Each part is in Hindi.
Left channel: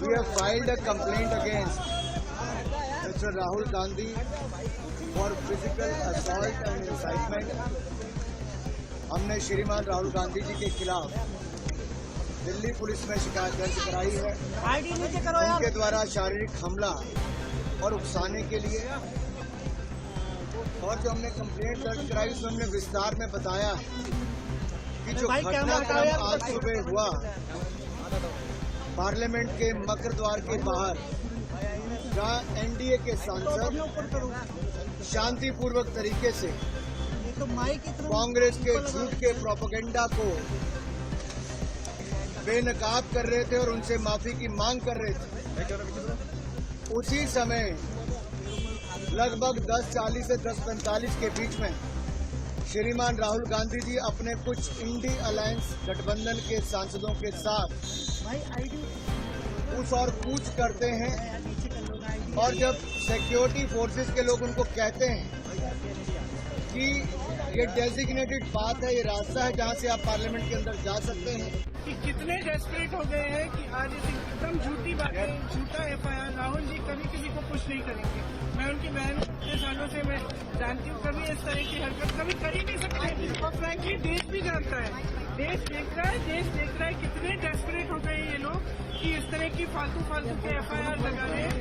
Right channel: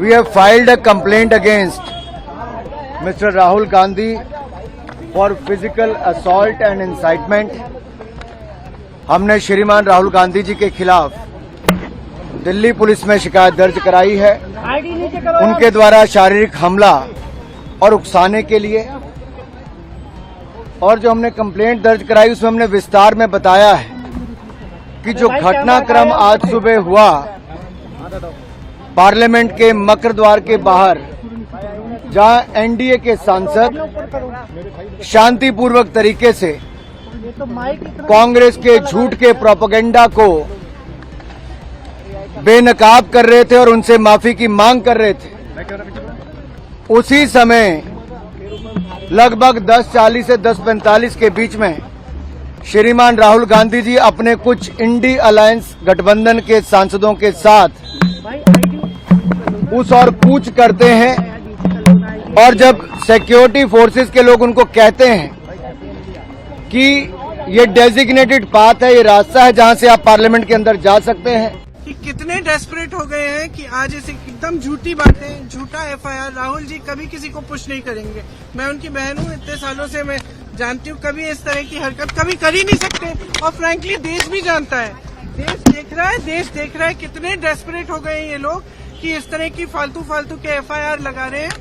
we have filed a complaint against Mr. Rahul Gandhi for physical assault and incitement. हमने श्रीमान राहुल गांधी जी के खिलाफ दिल्ली पुलिस में शिकायत दर्ज कराई है उनके द्वारा शारीरिक हमला और उकसाने के लिए। और जो हमने कंप्लेंट दर्ज कराई उसमें हमने विस्तार में बताया है कि जो घटनाक्रम आज सुबह हुआ पार्लियामेंट के मकर द्वार के बाहर, जहां एनडीए के सांसद शांतिपूर्वक तरीके से कांग्रेस के झूठ के प्रोपेगेंडा को बेनकाब कर रहे थे और उनसे माफी की मांग कर रहे थे, उसी समय लगभग 10:40 से 10:45 के बीच में श्रीमान राहुल गांधी जी अपने कुछ इंडी अलायंस गठबंधन के सांसदों के साथ उस और कूच करते हैं। और जब सिक्योरिटी फोर्सेस के लोग उनको कहते हैं कि ये डेजिग्नेटेड पाथ है, ये रास्ता है जहां से आप पार्लियामेंट के अंदर जा सकते हैं, कि कितने डेस्परेट हो गए हैं कि आज इसे एकदम झूठी बातें, झूठा एफआईआर। राहुल जी कभी किसी को पुश नहीं करेंगे। मैं उनकी बहन हूँ, इतने सालों से मैं जानती हूँ, कभी इस तरह की हरकत कभी कर ही नहीं सकते। और फ्रैंकली देश भी जानता है, देश देख रहा है कितने डेस्परेट हो गए ये लोग कि इस तरह की फालतू के एफआईआर लगा रहे हैं,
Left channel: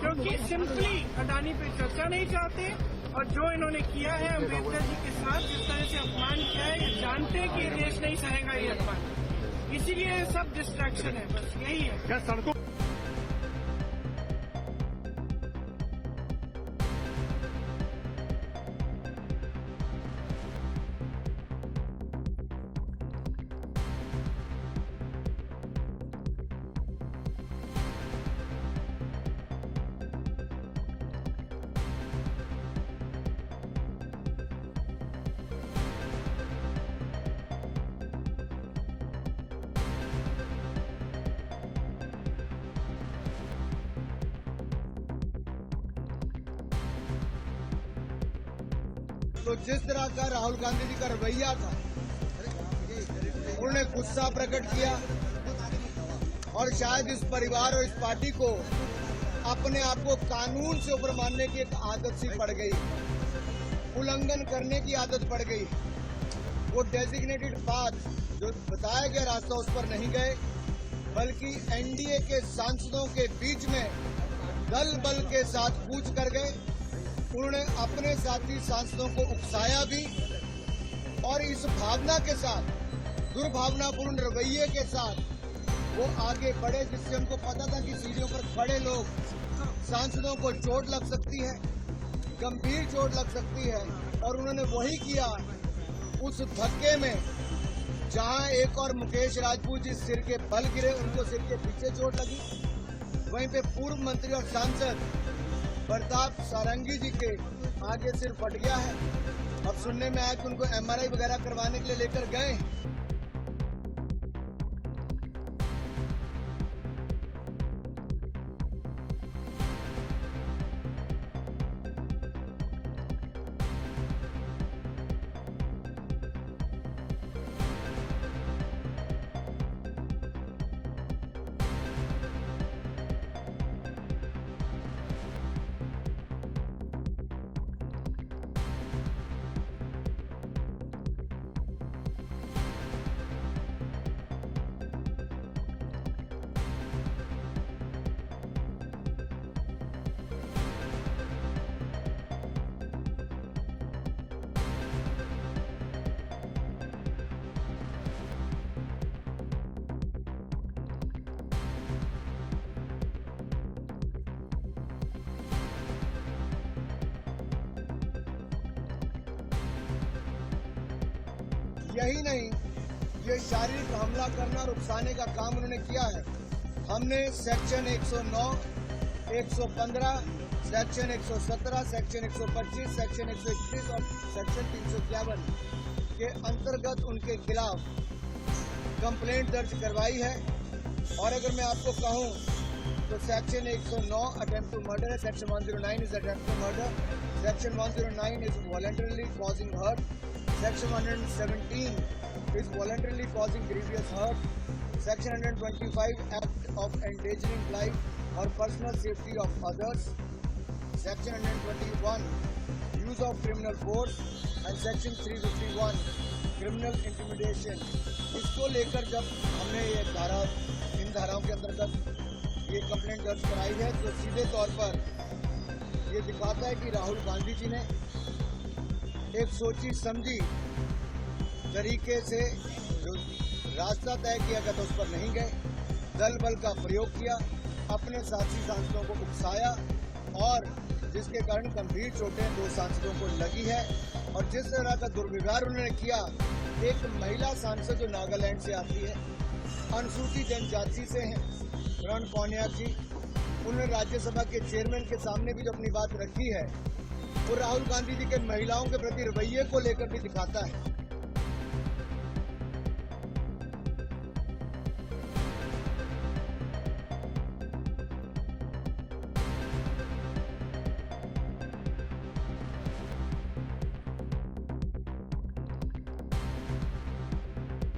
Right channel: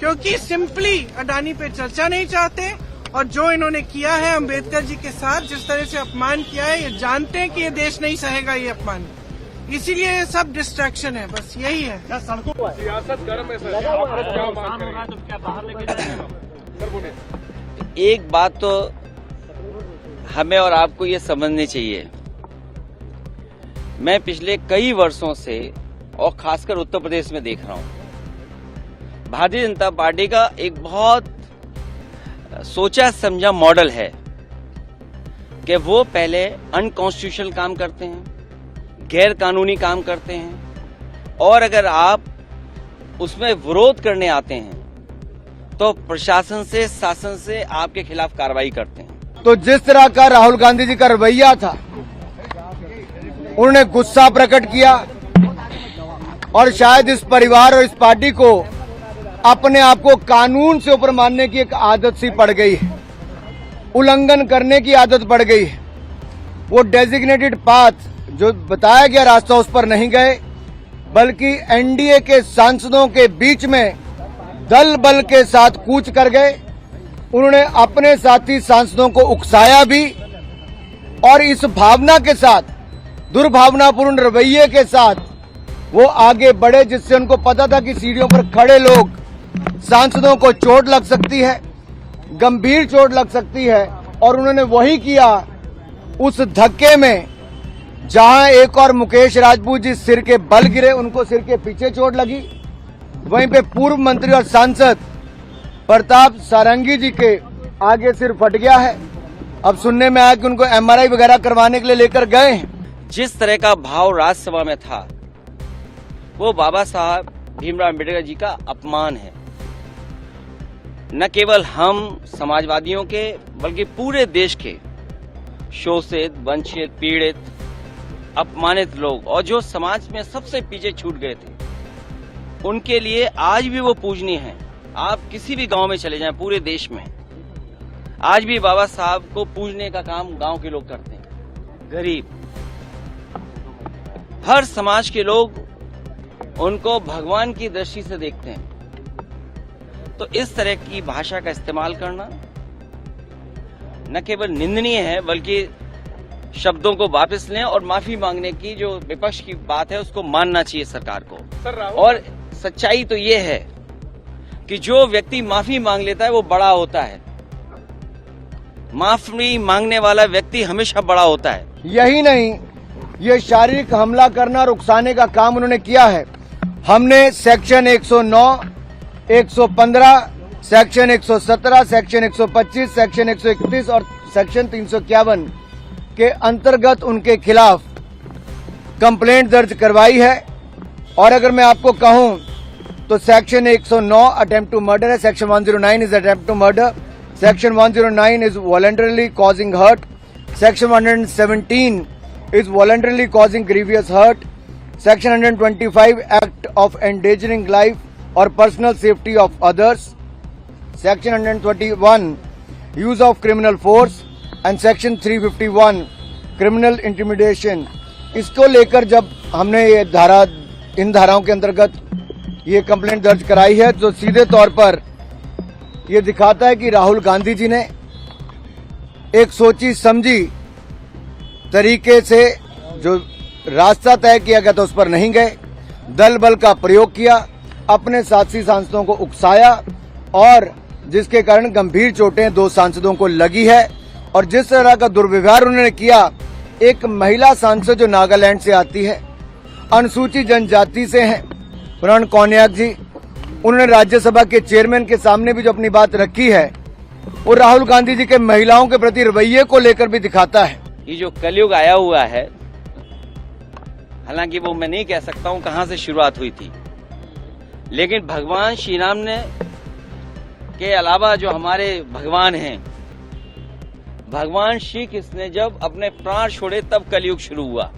क्योंकि सिंपली अडानी पे चर्चा नहीं चाहते। और जो इन्होंने किया है अम्बेडकर जी के साथ, जिस तरह से अपमान किया है, ये जानते हैं कि ये देश नहीं सहेगा ये अपमान, इसीलिए ये सब डिस्ट्रैक्शन है, बस यही है। सियासत गर्म है सर, आप क्या बात करेंगे? एक बात तो हमें और आपको ये समझनी चाहिए, मैं पिछले कई वर्षों से और खासकर उत्तर प्रदेश में देख रहा हूं, भारतीय जनता पार्टी का एक बहुत सोचा समझा मॉडल है कि वो पहले अनकॉन्स्टिट्यूशनल काम करते हैं, गैर कानूनी काम करते हैं, और अगर आप उसमें विरोध करने आते हैं तो प्रशासन से, शासन से आपके खिलाफ कार्रवाई करते हैं। तो जिस तरह का राहुल गांधी जी का रवैया था, उन्होंने गुस्सा प्रकट किया और शायद इस परिवार और इस पार्टी को अपने आप को कानून से ऊपर मानने की एक आदत सी पड़ गई है, उल्लंघन करने की आदत पड़ गई है। वो डेजिग्नेटेड पाथ जो बताया गया रास्ता उस पर नहीं गए, बल्कि एनडीए के सांसदों के बीच में दल बल के साथ कूच कर गए। उन्होंने अपने साथी सांसदों को उकसाया भी, और इस भावना के साथ, दुर्भावनापूर्ण रवैये के साथ वो आगे बढ़े, जिससे उनको पता था कि सीढ़ियों पर खड़े लोग सांसदों को चोट लग सकती है, गंभीर चोट लग सकती है। और उन्होंने वही किया। उस धक्के में जहां एक और मुकेश राजपूत जी सिर के बल गिरे, उनको सिर के पीछे चोट लगी, वहीं पे पूर्व मंत्री और सांसद प्रताप सारंगी जी के आगे सिर फट गया है। अब सुनने में आया कि उनको एमआरआई वगैरह करवाने के लिए लेकर गए हैं। जिस तरह का भाव राज्यसभा में था, वो बाबा साहब भीमराव अम्बेडकर जी का अपमान है। न केवल हम समाजवादियों के, बल्कि पूरे देश के शोषित, वंचित, पीड़ित, अपमानित लोग, और जो समाज में सबसे पीछे छूट गए थे, उनके लिए आज भी वो पूजनीय हैं। आप किसी भी गांव में चले जाएं पूरे देश में, आज भी बाबा साहब को पूजने का काम गांव के लोग करते हैं। गरीब, हर समाज के लोग उनको भगवान की दृष्टि से देखते हैं। तो इस तरह की भाषा का इस्तेमाल करना न केवल निंदनीय है, बल्कि शब्दों को वापस लें और माफी मांगने की जो विपक्ष की बात है उसको मानना चाहिए सरकार को। और सच्चाई तो ये है कि जो व्यक्ति माफी मांग लेता है वो बड़ा होता है, माफी मांगने वाला व्यक्ति हमेशा बड़ा होता है। यही नहीं, ये शारीरिक हमला करना और उकसाने का काम उन्होंने किया है। हमने सेक्शन 109, 115, सेक्शन 117, सेक्शन 125, सेक्शन 131 और सेक्शन 351 के अंतर्गत उनके खिलाफ कंप्लेंट दर्ज करवाई है। और अगर मैं आपको कहूं तो सेक्शन 109 अटेम्प्ट टू मर्डर है, section 109 is attempt to murder, section 109 is voluntarily causing hurt, section 117 is voluntarily causing grievous hurt, Section 125 Act of Endangering Life or Personal Safety of Others, Section 121 Use of Criminal Force and Section 351 Criminal Intimidation। इसको लेकर जब हमने ये इन धाराओं के अंतर्गत ये कंप्लेंट दर्ज कराई है, तो सीधे तौर पर ये दिखाता है कि राहुल गांधी जी ने एक सोची समझी तरीके से जो रास्ता तय किया गया था उस पर नहीं गए, दल बल का प्रयोग किया, अपने साथी सांसदों को उकसाया और जिसके कारण गंभीर चोटें 2 सांसदों को लगी है। और जिस तरह का दुर्व्यवहार उन्होंने किया, एक महिला सांसद जो नागालैंड से आती है, अनुसूचित जनजाति से हैं, प्रण कौनियाक जी, उन्होंने राज्यसभा के चेयरमैन के सामने भी जो अपनी बात रखी है, वो राहुल गांधी जी के महिलाओं के प्रति रवैये को लेकर भी दिखाता है। ये जो कलयुग आया हुआ है, हालांकि वो मैं नहीं कह सकता हूं कहां से शुरुआत हुई थी, लेकिन भगवान श्री राम ने के अलावा जो हमारे भगवान हैं, भगवान श्री कृष्ण ने जब अपने प्राण छोड़े तब कलयुग शुरू हुआ।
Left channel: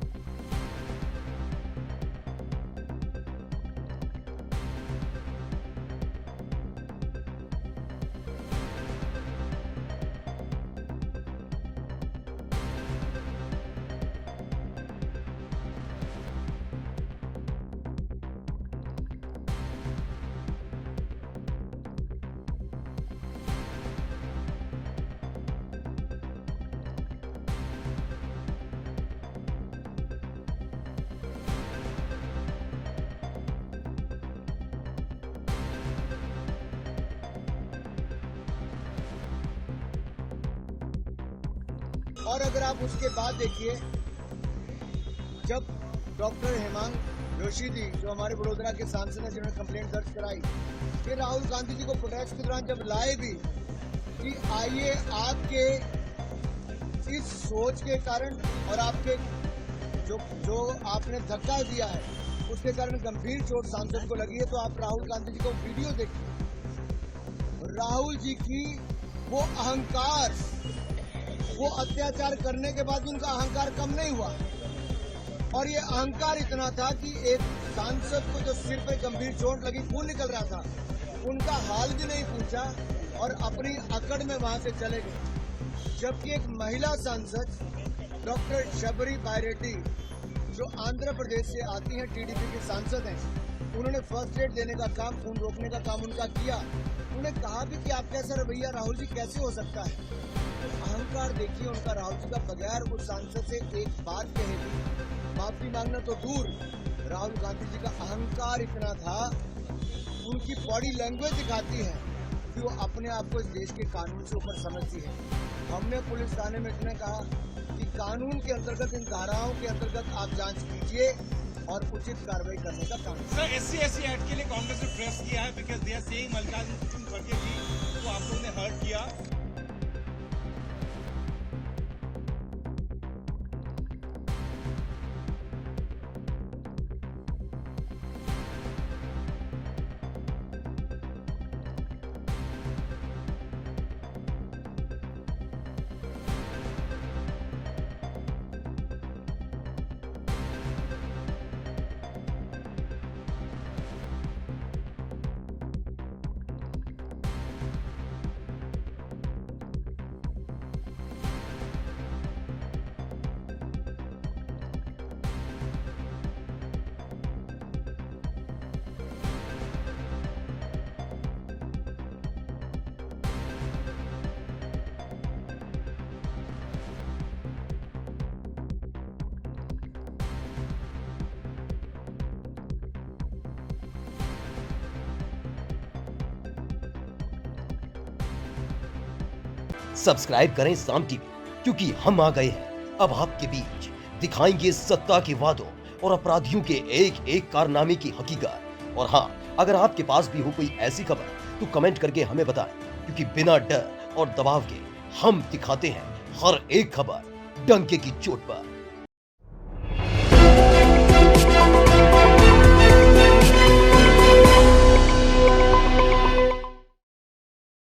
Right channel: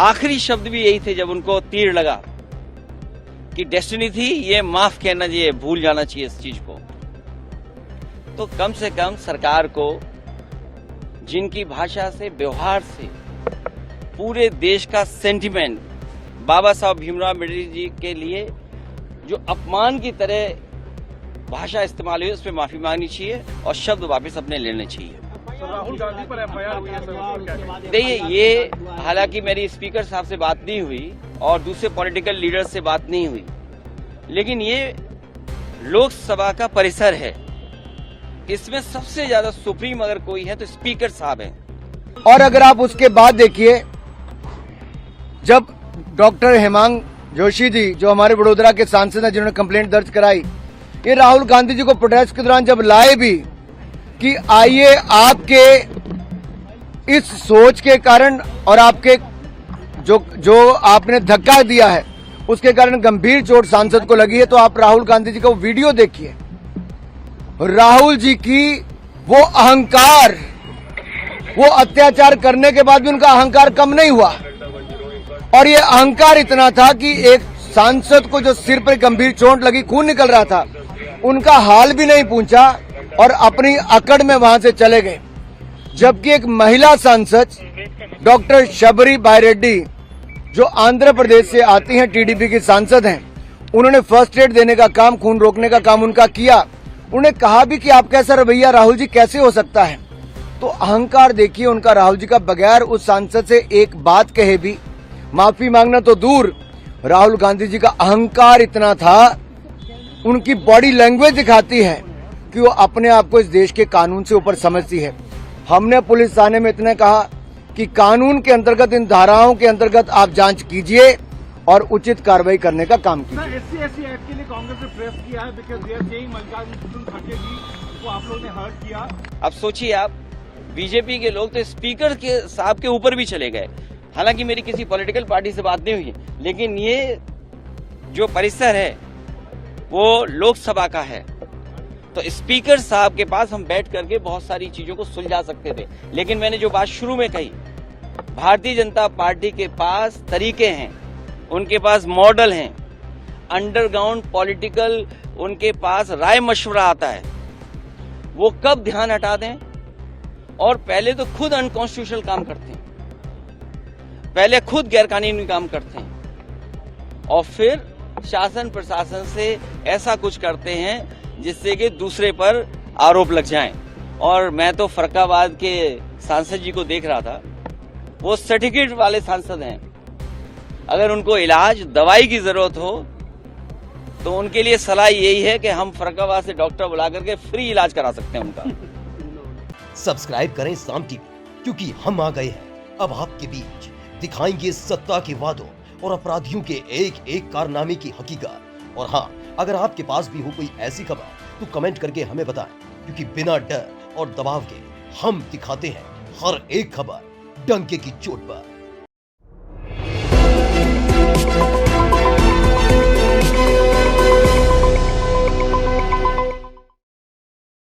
आखिरी शब्द भी यही थे जब उनको तीर लगा कि डेस्टिनी थी, ये माफ कहना चाहिए, भूल जाना चाहिए इस चीज को। तो कम से कम सरकार को जिनकी भाषा से, व्यवहार से पूरे देश का सेंटिमेंट बाबा साहब भीमराव अम्बेडकर जी के लिए जो अपमान की तरह भाषा इस्तेमाल हुई, उस पर माफी मांगनी चाहिए और शब्द वापस अपने लेने चाहिए। राहुल गांधी पर एफआईआर हुई है सर, देखिए, ये हालांकि मेरी स्पीकर साहब से बात नहीं हुई और दूसरे पॉलिटिकल लीडर से बात नहीं हुई, लेकिन ये लोकसभा का परिसर है, इसमें सबसे ज्यादा सुप्रीम अगर कोई है तो स्पीकर साहब है। और अगर आप उसके बाद देखिए, जब डॉक्टर हेमांग जोशी जी जो हमारे वडोदरा के सांसद हैं, जिन्होंने कंप्लेंट दर्ज कराई, ये राहुल गांधी जी को प्रोटेस्ट के दौरान जब लाए भी कि आइए आपके इस सोच के कारण और आपके जो आपने धक्का दिया है उसके कारण गंभीर चोट सांसद को लगी है, तो आप राहुल गांधी जी का वो वीडियो देखिए। राहुल जी की वो अहंकार, वो अत्याचार करने के बाद भी उनका अहंकार कम नहीं हुआ और ये अहंकार इतना था कि एक सांसद को जो सिर पर गंभीर चोट लगी, खून निकल रहा था, उनका हाल भी नहीं पूछा और अपनी अकड़ में वहां से चले गए। जबकि एक महिला सांसद डॉक्टर शबरी बायरेड्डी जो आंध्र प्रदेश से आती हैं, टीडीपी की सांसद हैं, उन्होंने फर्स्ट एड देने का काम, खून रोकने का काम उनका किया। उन्होंने कहा भी कि आपका ऐसा रवैया राहुल जी कैसे हो सकता है। तो अहंकार देखिए उनका राहुल जी का, बगैर उस सांसद से एक बात कहे भी माफी मांगना तो दूर, राहुल गांधी जी का अहंकार इतना था, उनकी बॉडी लैंग्वेज दिखाती है कि वो अपने आप को इस देश के कानून से ऊपर समझती है। हमने पुलिस थाने में इतने कहा कि कानून के अंतर्गत, इन धाराओं के अंतर्गत आप जांच कीजिए और उचित कार्रवाई करने का काम कीजिए। सर, SC एक्ट के लिए कांग्रेस ने प्रेस किया है because they are saying Mallikarjun खड़गे जी को आप लोगों ने हर्ट किया। अब सोचिए आप, बीजेपी के लोग तो स्पीकर के साहब के ऊपर भी चले गए। हालांकि मेरी किसी पॉलिटिकल पार्टी से बात नहीं हुई है, लेकिन ये जो परिसर है वो लोकसभा का है, तो स्पीकर साहब के पास हम बैठ करके बहुत सारी चीजों को सुलझा सकते थे। लेकिन मैंने जो बात शुरू में कही, भारतीय जनता पार्टी के पास तरीके हैं, उनके पास मॉडल हैं, अंडरग्राउंड पॉलिटिकल उनके पास राय मशवरा आता है। वो कब ध्यान हटा दें, और पहले तो खुद अनकॉन्स्टिट्यूशनल काम करते हैं, पहले खुद गैरकानूनी काम करते हैं और फिर शासन प्रशासन से ऐसा कुछ करते हैं जिससे कि दूसरे पर आरोप लग जाएं। और मैं तो फरक्काबाद के सांसद जी को देख रहा था, वो सर्टिफिकेट वाले सांसद हैं। अगर उनको इलाज दवाई की जरूरत हो तो उनके लिए सलाह यही है कि हम फरक्काबाद से डॉक्टर बुला करके फ्री इलाज करा सकते हैं उनका। सब्सक्राइब करें साम टीवी, क्योंकि हम आ गए हैं अब आपके बीच, दिखाएंगे सत्ता के वादों और अपराधियों के एक एक कारनामे की हकीकत। और हाँ, अगर आपके पास भी हो कोई ऐसी खबर तो कमेंट करके हमें बताएं, क्योंकि बिना डर और दबाव के हम दिखाते हैं हर एक खबर डंके की चोट पर।